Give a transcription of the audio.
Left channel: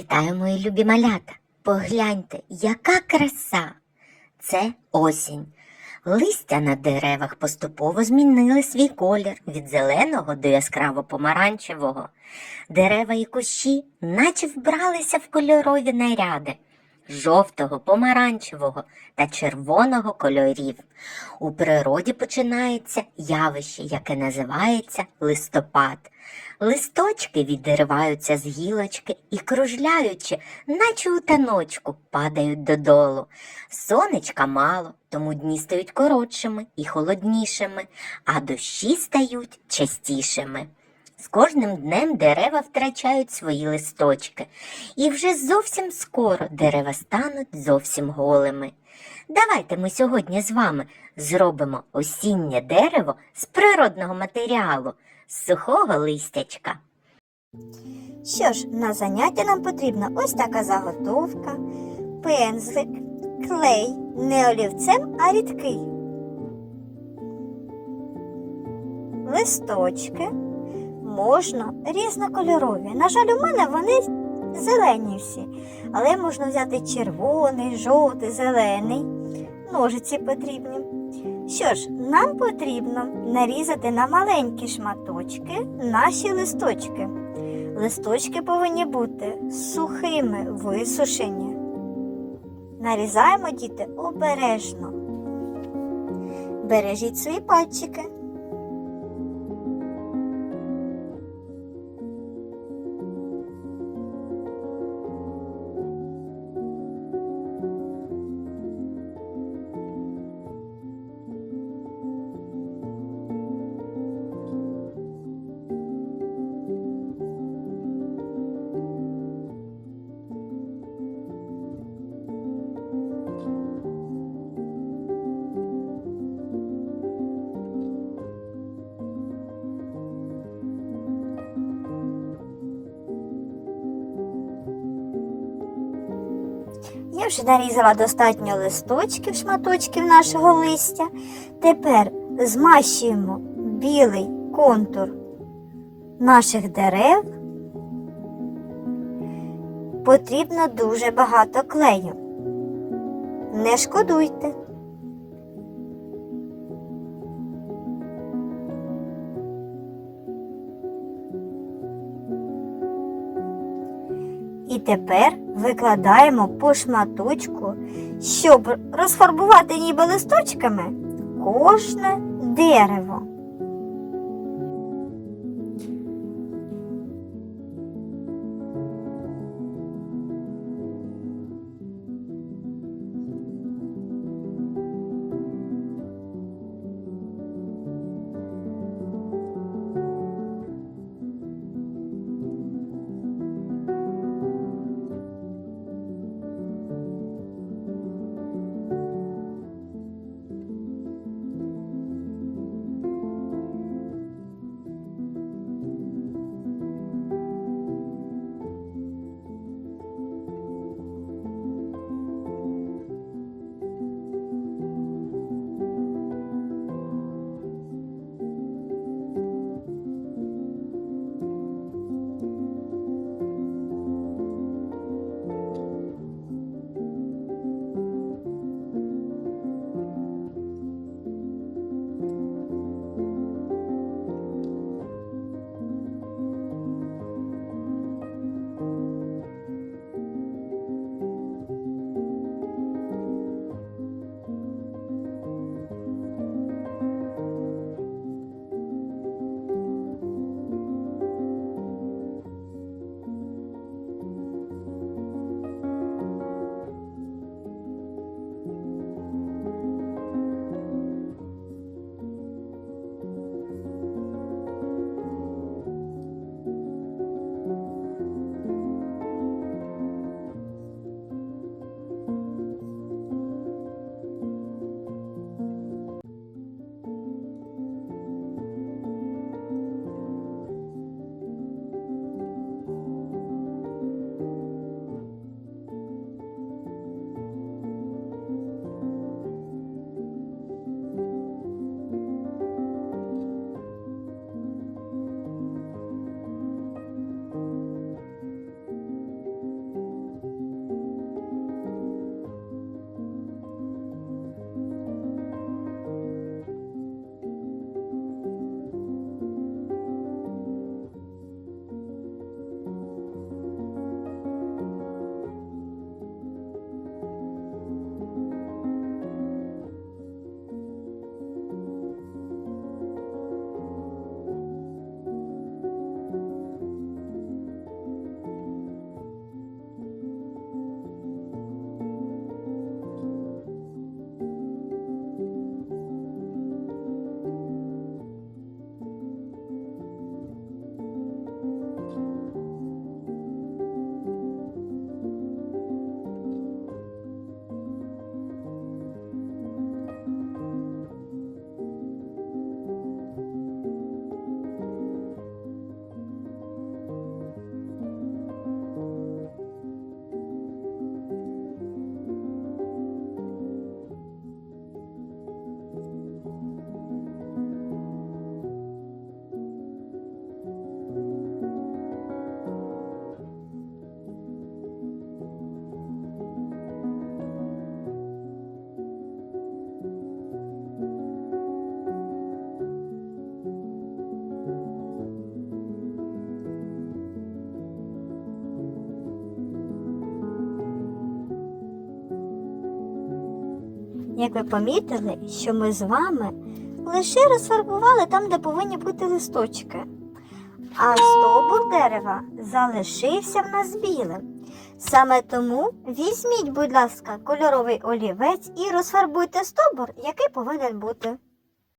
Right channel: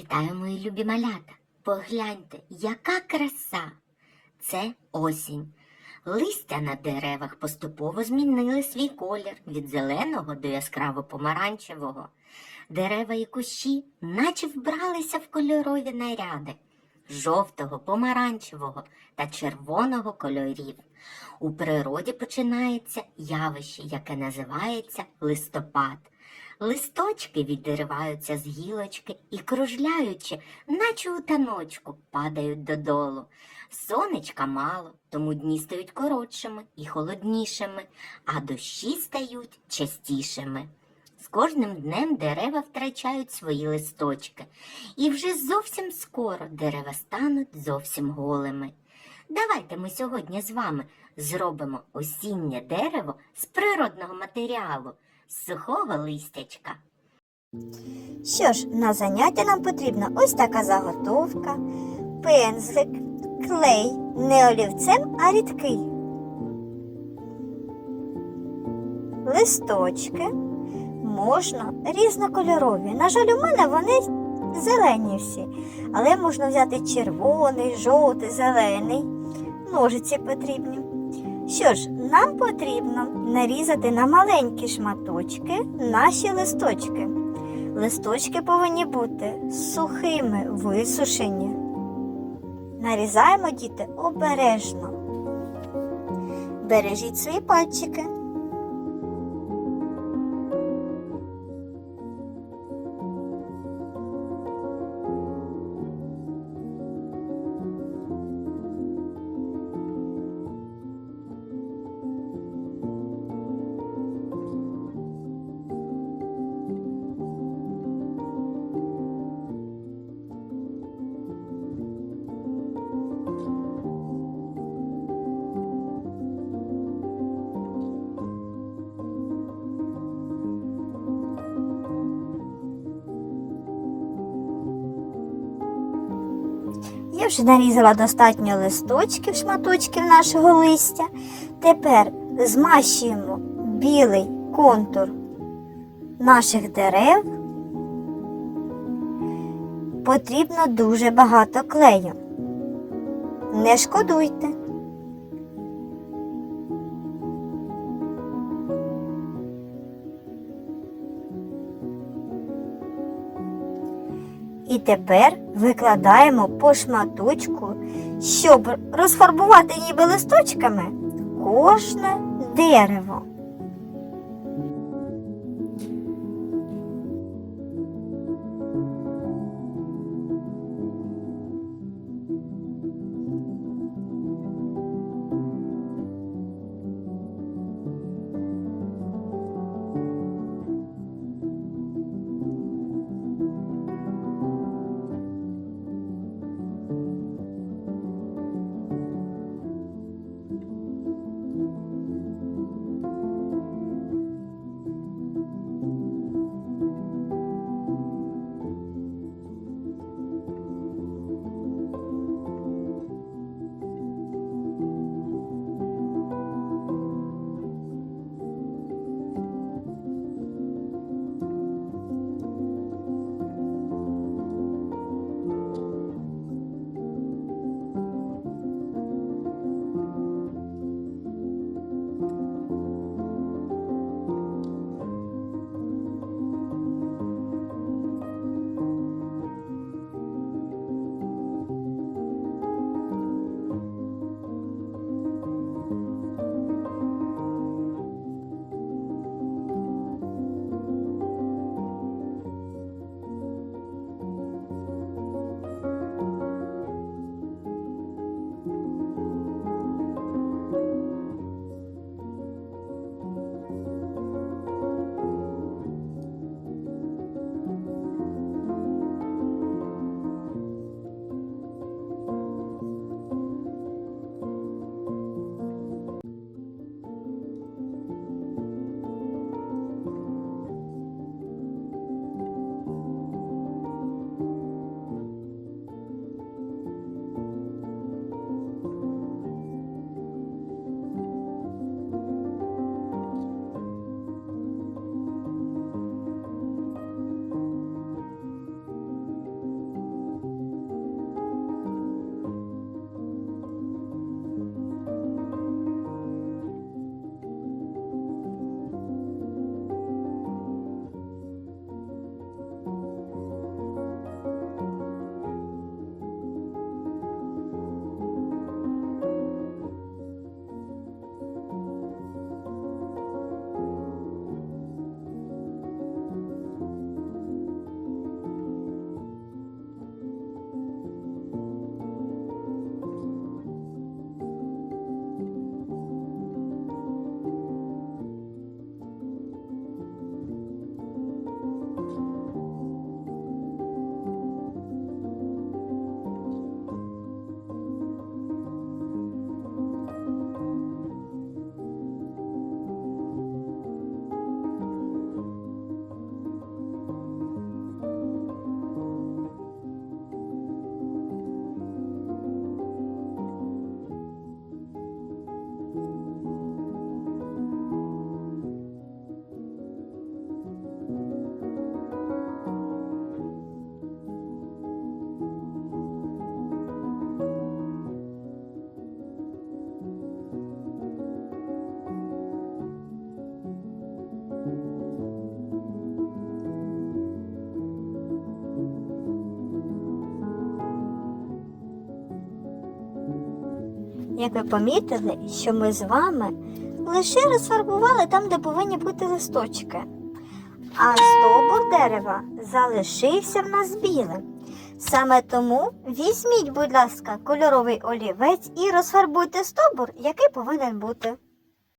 Вітаю, мої любі малята! Погляньте, яка краса! Це осінь. Листя на деревах поступово змінили свій колір від зеленого до яскраво помаранчевого. Дерева і кущі наче вбралися в кольорові наряди жовтого, помаранчевого та червоного кольорів. У природі починається явище, яке називається листопад. Листочки відриваються з гілочки і, кружляючи, наче у таночку, падають додолу. Сонечка мало, тому дні стають коротшими і холоднішими, а дощі стають частішими. З кожним днем дерева втрачають свої листочки, і вже зовсім скоро дерева стануть зовсім голими. Давайте ми сьогодні з вами зробимо осіннє дерево з природного матеріалу, з сухого листячка. Що ж, на заняття нам потрібна ось така заготовка, пензлик, клей, не олівцем, а рідкий. Листочки можна різнокольорові. На жаль, у мене вони зелені всі, але можна взяти червоний, жовтий, зелений. Ножиці потрібні. Що ж, нам потрібно нарізати на маленькі шматочки наші листочки. Листочки повинні бути сухими, висушені. Нарізаємо діти обережно. Бережіть свої пальчики. Я вже нарізала достатньо листочків, шматочків нашого листя. Тепер змащуємо білий контур наших дерев. Потрібно дуже багато клею. Не шкодуйте. І тепер викладаємо по шматочку, щоб розфарбувати ніби листочками кожне дерево. Як ви помітили, що ми з вами лише розфарбували там, де повинні бути листочки, а стовбур дерева залишився в нас білим. Саме тому візьміть, будь ласка, кольоровий олівець і розфарбуйте стовбур, який повинен бути.